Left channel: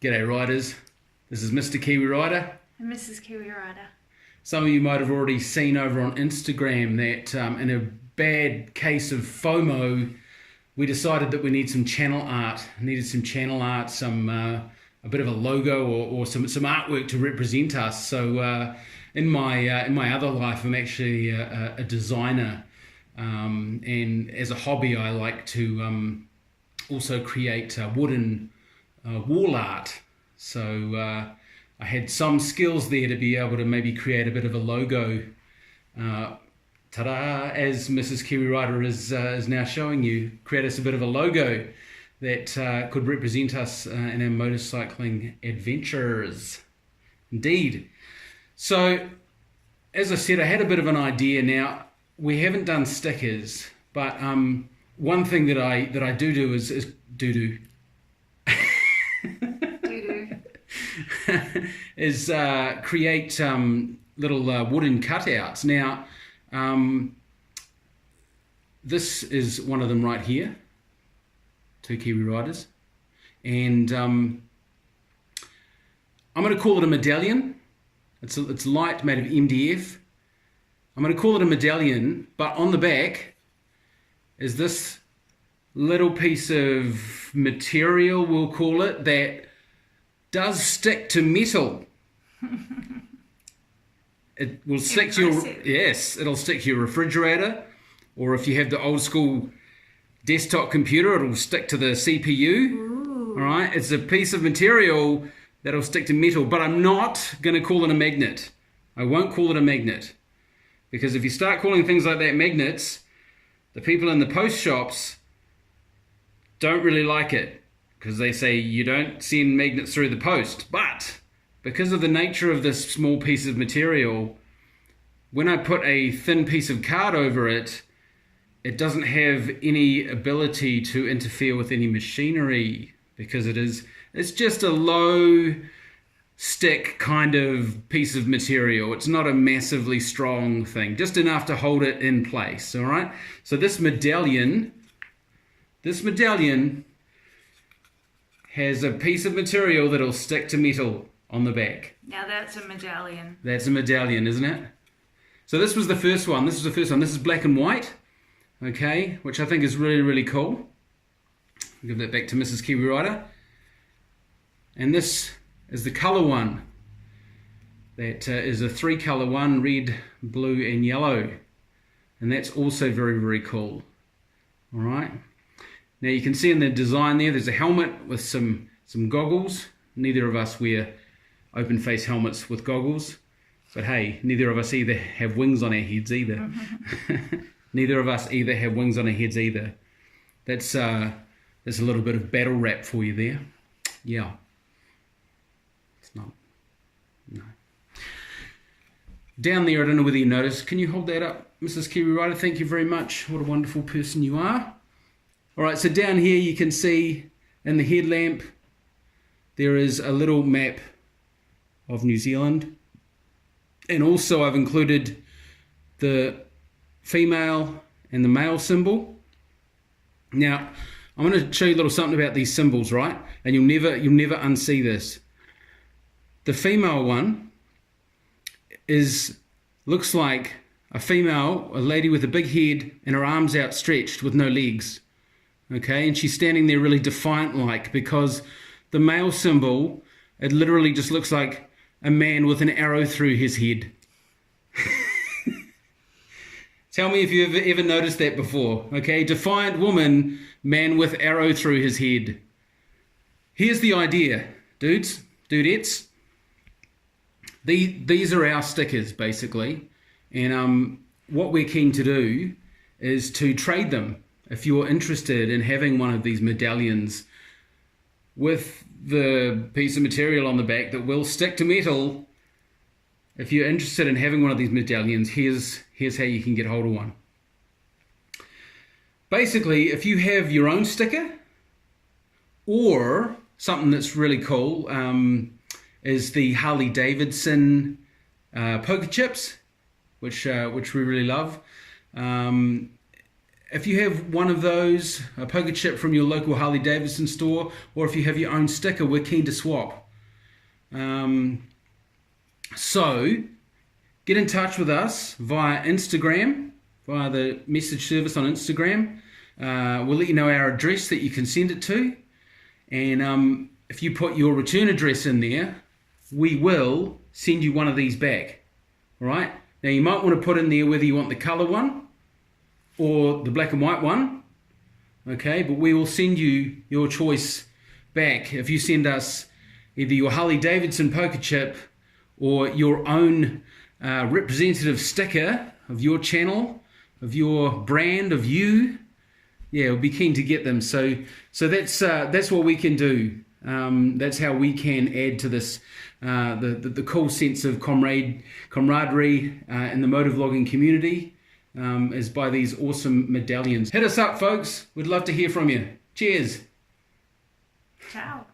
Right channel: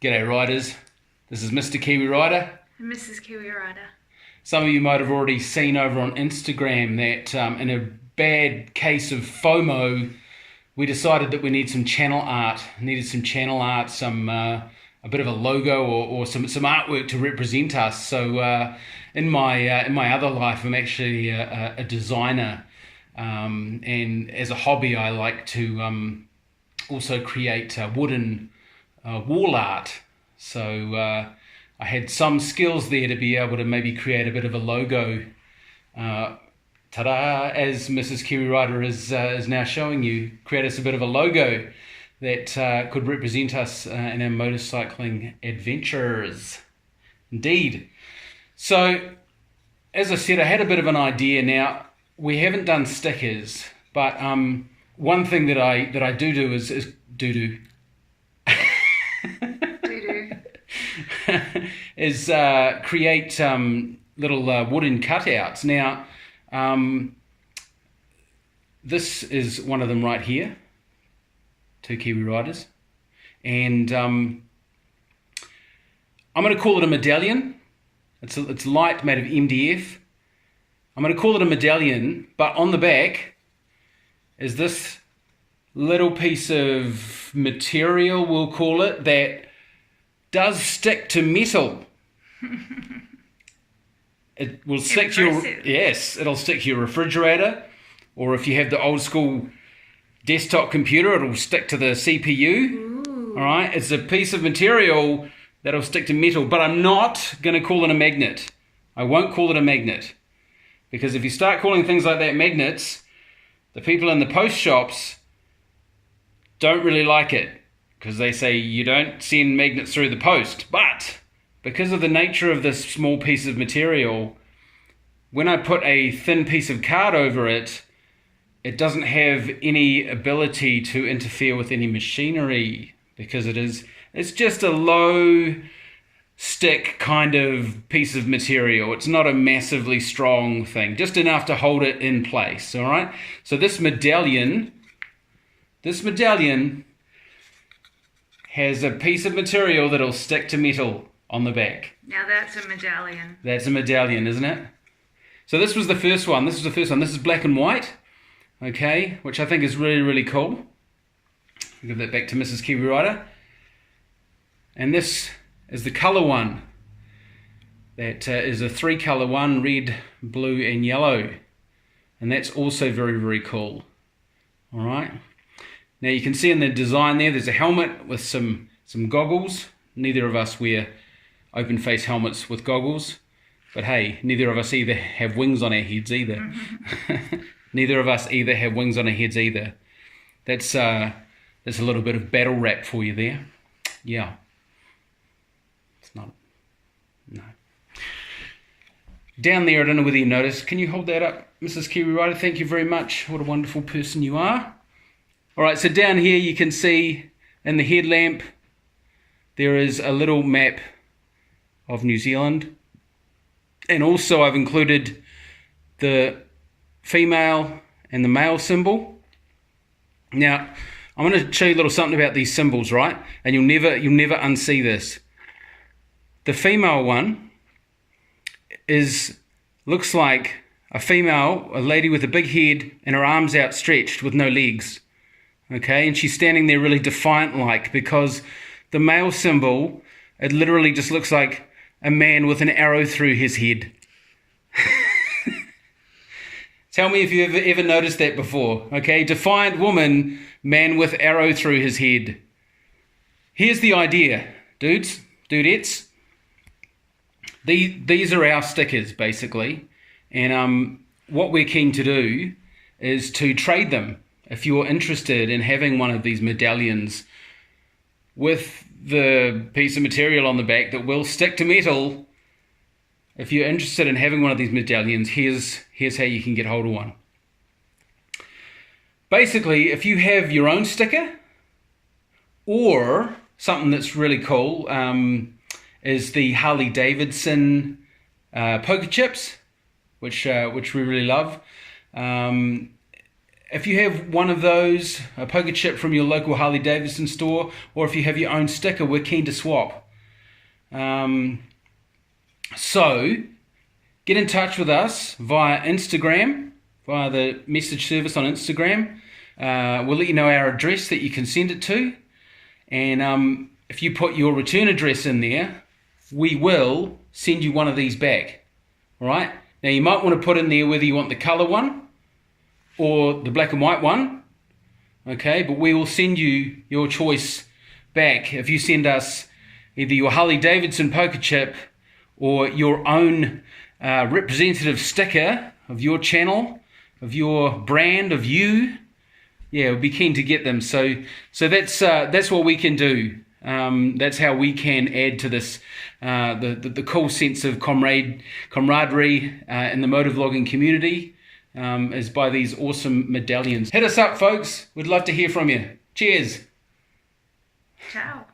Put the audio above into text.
G'day riders, this is Mr. Kiwi Rider. And Mrs. Kiwi Rider. Some of you might have already seen over on Instagram that in a bad case of FOMO, we decided that we need some channel art. A bit of a logo or some artwork to represent us. So in my other life, I'm actually a designer, and as a hobby, I like to also create wooden wall art. So I had some skills there to be able to maybe create a bit of a logo. Ta-da! As Mrs. Kiwi Rider is now showing you, create us a bit of a logo that could represent us in our motorcycling adventures. Indeed. So, as I said, I had a bit of an idea. Now, we haven't done stickers, but one thing that I do is is create little wooden cutouts. Now, this is one of them right here. Two Kiwi Riders, and I'm going to call it a medallion. It's light, made of MDF. I'm going to call it a medallion, but on the back is this little piece of material, we'll call it, that does stick to metal. It will stick to it'll stick to your refrigerator, or if you have the old school desktop computer, it'll stick to the CPU. Ooh. All right, it's a piece of material that'll stick to metal, but I'm not going to call it a magnet. I won't call it a magnet, because if you start calling things like that magnets, the people in the post shops don't really like it, because they say you don't send magnets through the post. But because of the nature of this small piece of material, when I put a thin piece of card over it, it doesn't have any ability to interfere with any machinery, because it's just a low stick kind of piece of material. It's not a massively strong thing, just enough to hold it in place. All right. So this medallion has a piece of material that'll stick to metal on the back. Now that's a medallion. That's a medallion, isn't it? So this was the first one. This is black and white. Okay, which I think is really, really cool. I'll give that back to Mrs. Kiwi Rider. And this is the colour one. That is a 3-colour one, red, blue and yellow. And that's also very, very cool. All right. Now you can see in the design there's a helmet with some goggles. Neither of us wear open face helmets with goggles. But hey, neither of us either have wings on our heads either. Neither of us either have wings on our heads either. That's a little bit of battle rap for you there. Yeah. It's not. No. Down there, I don't know whether you noticed. Can you hold that up, Mrs. Kiwi Rider? Thank you very much. What a wonderful person you are. All right, so down here you can see in the headlamp there is a little map of New Zealand. And also I've included the female and the male symbol. Now, I'm going to show you a little something about these symbols, right? And you'll never unsee this. The female one looks like a lady with a big head and her arms outstretched with no legs. Okay, and she's standing there really defiant-like, because the male symbol, it literally just looks like a man with an arrow through his head. Tell me if you've ever noticed that before. Okay, defiant woman, man with arrow through his head. Here's the idea, dudettes. These are our stickers, basically. And what we're keen to do is to trade them. If you're interested in having one of these medallions with the piece of material on the back that will stick to metal, if you're interested in having one of these medallions, here's how you can get hold of one. Basically, if you have your own sticker, or something that's really cool is the Harley Davidson poker chips, which we really love. if you have one of those, a poker chip from your local Harley Davidson store, or if you have your own sticker, we're keen to swap. So get in touch with us via Instagram, via the message service on Instagram. We'll let you know our address that you can send it to. And if you put your return address in there, we will send you one of these back. All right? Now you might want to put in there whether you want the colour one or the black and white one. Okay, but we will send you your choice back if you send us either your Harley Davidson poker chip or your own representative sticker of your channel, of your brand, of you. Yeah, we'll be keen to get them. So that's what we can do. That's how we can add to this the cool sense of camaraderie in the motovlogging community, is by these awesome medallions. Hit us up, folks. We'd love to hear from you. Cheers. Ciao.